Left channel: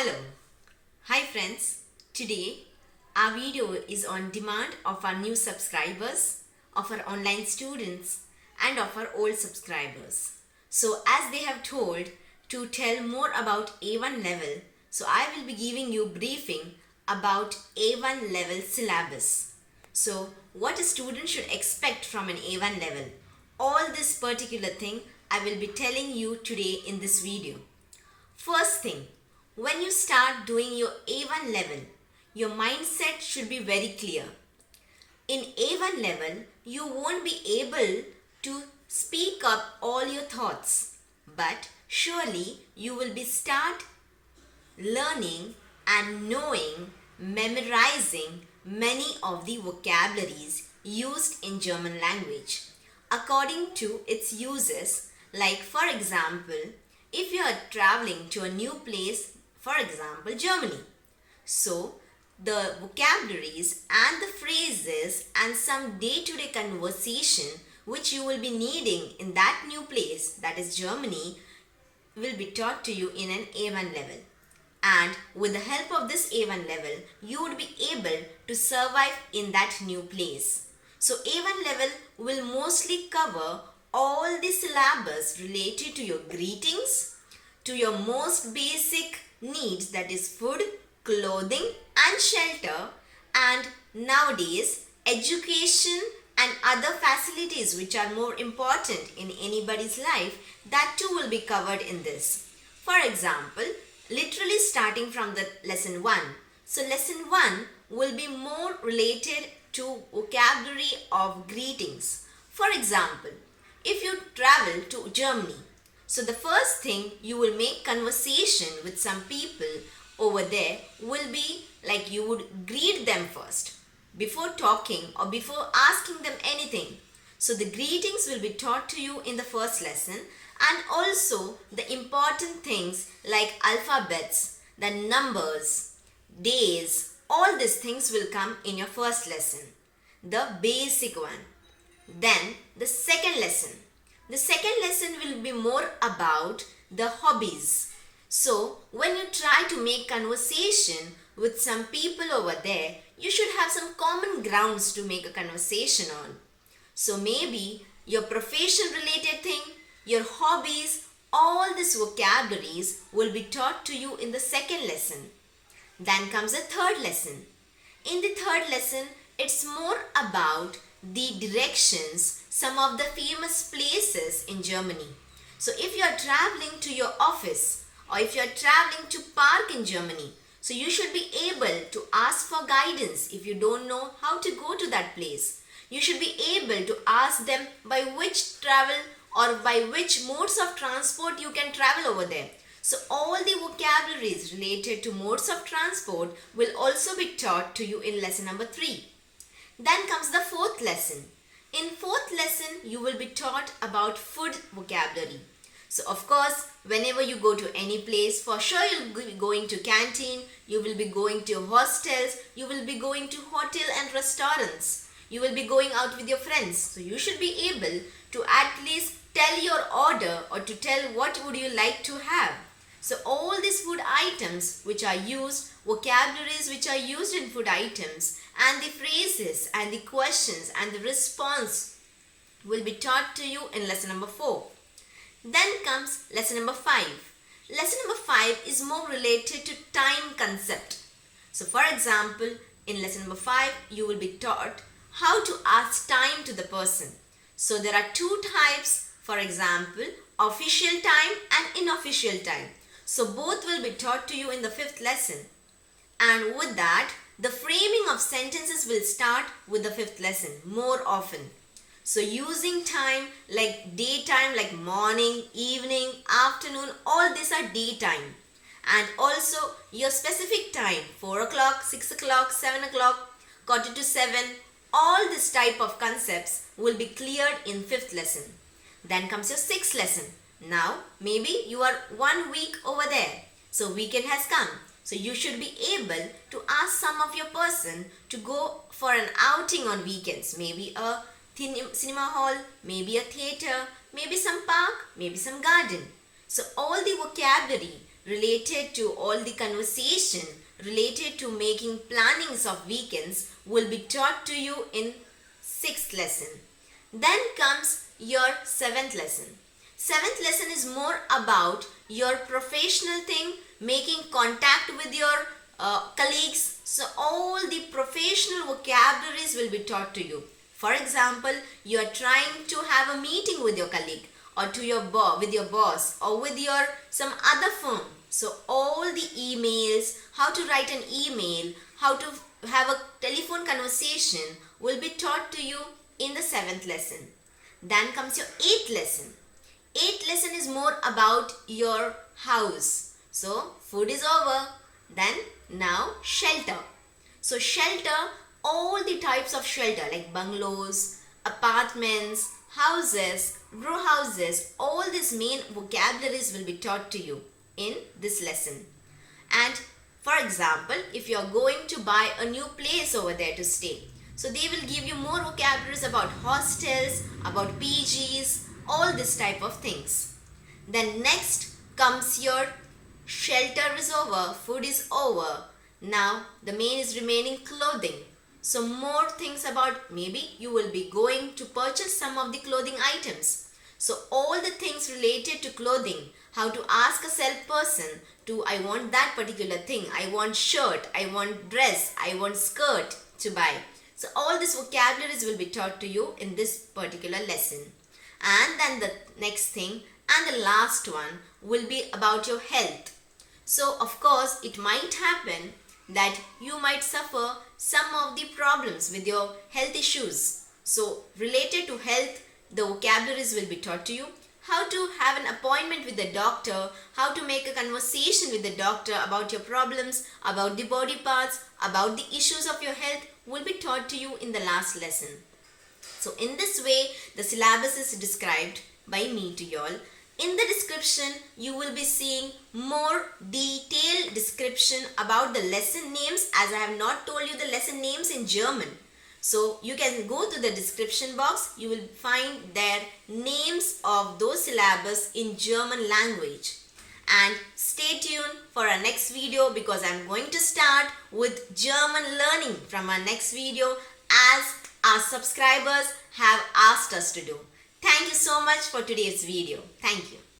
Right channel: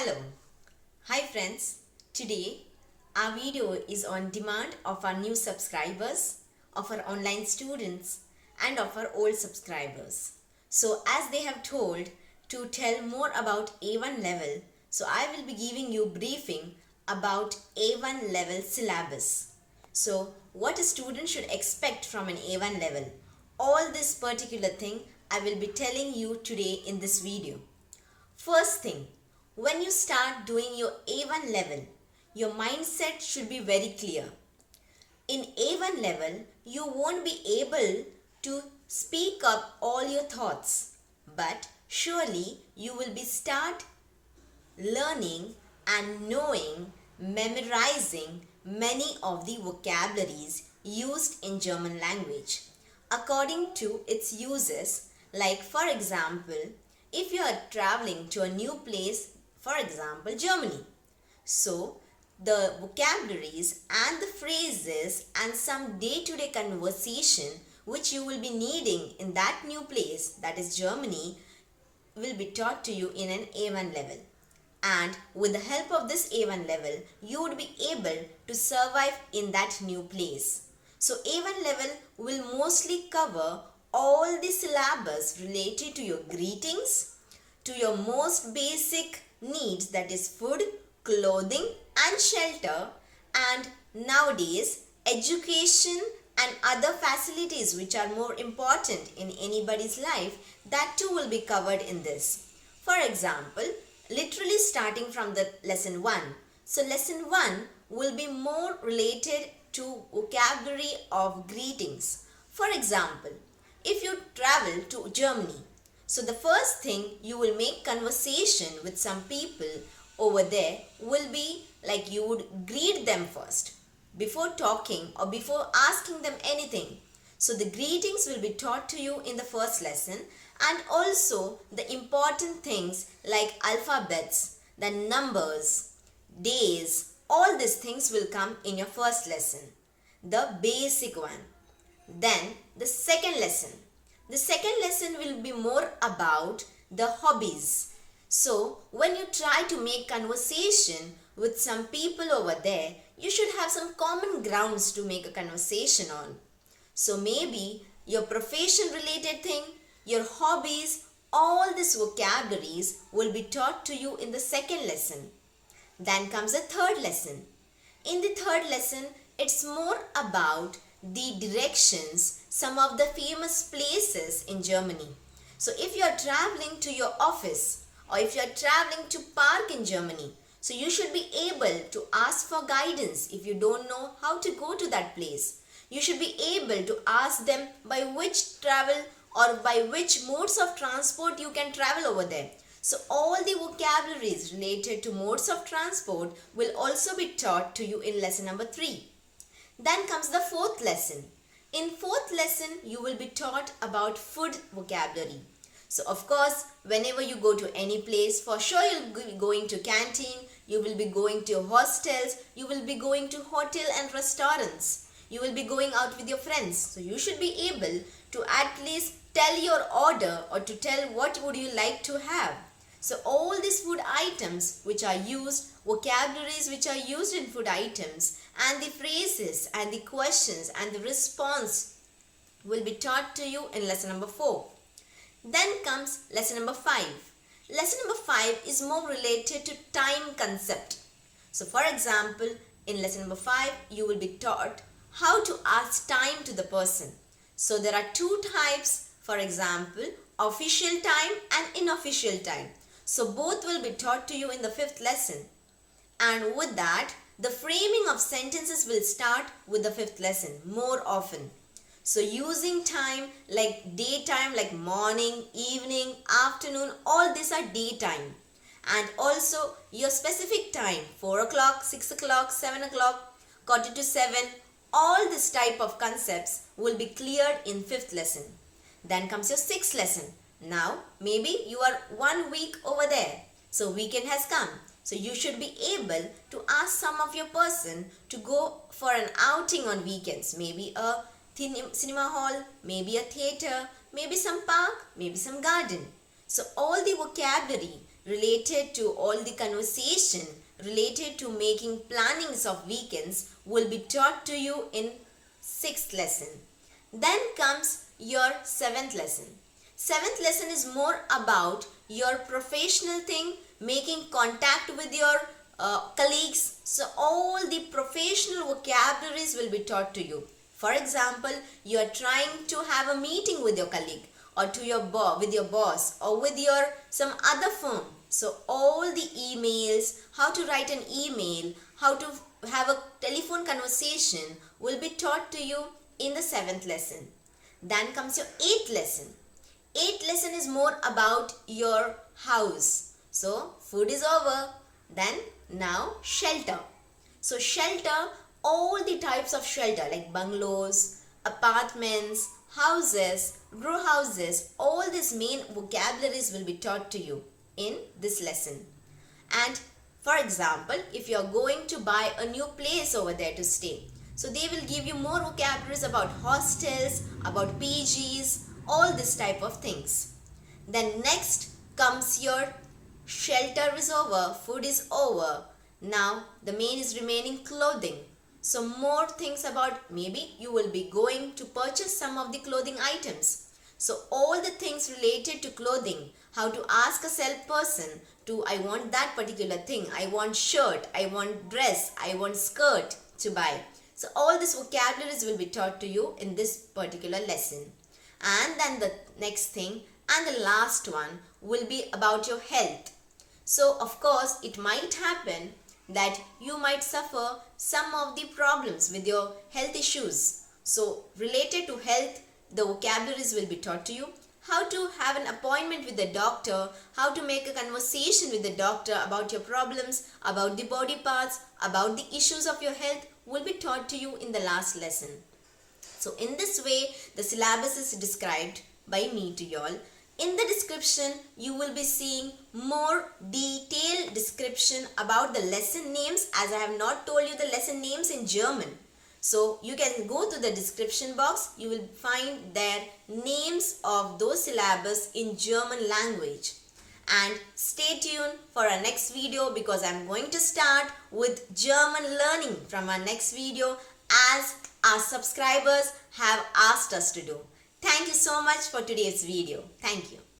Hello. Hi friends. Today our video is on demand of our new subscribers, of our online students and of our old subscribers. So as they have told to tell more about A1 level, so I will be giving you briefing about A1 level syllabus. So what a student should expect from an A1 level. All this particular thing I will be telling you today in this video. First thing, when you start doing your A1 level, your mindset should be very clear. In A1 level, you won't be able to speak up all your thoughts, but surely you will be start learning and knowing, memorizing many of the vocabularies used in German language according to its uses. Like for example, if you are traveling to a new place, for example Germany, so the vocabularies and the phrases and some day-to-day conversation which you will be needing in that new place, that is Germany, will be taught to you in an A1 level. And with the help of this A1 level, you would be able to survive in that new place. So A1 level will mostly cover all the syllabus related to your greetings, to your most basic needs, that is food, clothing and shelter, and nowadays education and other facilities which are more important in anybody's life, that too will be covered in this. For example, literally starting from the lesson 1. So lesson 1 will be more related to vocabulary of greetings. For example, if you travel to Germany, so the first thing you will make conversation with some people over there will be like you would greet them first before talking or before asking them anything. So the greetings will be taught to you in the first lesson, and also the important things like alphabets, the numbers, days, all these things will come in your first lesson, the basic one. Then the second lesson. The second lesson will be more about the hobbies. So when you try to make conversation with some people over there, you should have some common grounds to make a conversation on. So maybe your profession related thing, your hobbies, all these vocabularies will be taught to you in the second lesson. Then comes the third lesson. In the third lesson, it's more about the directions, some of the famous places in Germany. So if you are traveling to your office or if you are traveling to park in Germany, so you should be able to ask for guidance if you don't know how to go to that place. You should be able to ask them by which travel or by which modes of transport you can travel over there. So all the vocabularies related to modes of transport will also be taught to you in lesson number 3. Then comes the fourth lesson. In fourth lesson, you will be taught about food vocabulary. So of course, whenever you go to any place, for sure you'll be going to canteen, you will be going to hostels, you will be going to hotel and restaurants. You will be going out with your friends. So you should be able to at least tell your order or to tell what would you like to have. So all these food items which are used, vocabularies which are used in food items, and the phrases and the questions and the response will be taught to you in lesson number 4. Then comes lesson number 5. Lesson number 5 is more related to time concept. So for example, in lesson number 5, you will be taught how to ask time to the person. So there are two types, for example, official time and unofficial time. So both will be taught to you in the 5th lesson. And with that, the framing of sentences will start with the 5th lesson more often. So using time like daytime, like morning, evening, afternoon, all these are daytime. And also your specific time, 4 o'clock, 6 o'clock, 7 o'clock, quarter to 7, all this type of concepts will be cleared in 5th lesson. Then comes your 6th lesson. Now maybe you are 1 week over there. So weekend has come. So you should be able to ask some of your person to go for an outing on weekends. Maybe a cinema hall, maybe a theater, maybe some park, maybe some garden. So all the vocabulary related to all the conversation related to making plannings of weekends will be taught to you in 6th lesson. Then comes your 7th lesson. 7th lesson is more about your professional thing, making contact with your colleagues. So all the professional vocabularies will be taught to you. For example, you are trying to have a meeting with your colleague or with your boss or with your some other firm. So all the emails, how to write an email, how to have a telephone conversation will be taught to you in the 7th lesson. Then comes your 8th lesson. 8th lesson is more about your house. So food is over. Then now shelter. So shelter, all the types of shelter like bungalows, apartments, houses, row houses, all these main vocabularies will be taught to you in this lesson. And for example, if you are going to buy a new place over there to stay, so they will give you more vocabularies about hostels, about PGs, all this type of things. Then next comes your shelter is over, food is over. Now the main is remaining clothing. So more things about, maybe you will be going to purchase some of the clothing items. So all the things related to clothing, how to ask a salesperson to, I want that particular thing, I want shirt, I want dress, I want skirt to buy. So all these vocabularies will be taught to you in this particular lesson. And then the next thing and the last one will be about your health. So of course it might happen that you might suffer some of the problems with your health issues. So related to health, the vocabularies will be taught to you. How to have an appointment with the doctor, how to make a conversation with the doctor about your problems, about the body parts, about the issues of your health will be taught to you in the last lesson. So in this way, the syllabus is described by me to you all. In the description, you will be seeing more detailed description about the lesson names, as I have not told you the lesson names in German. So you can go to the description box, you will find there names of those syllabus in German language. And stay tuned for our next video because I am going to start with German learning from our next video as our subscribers have asked us to do. Thank you so much for today's video. Thank you.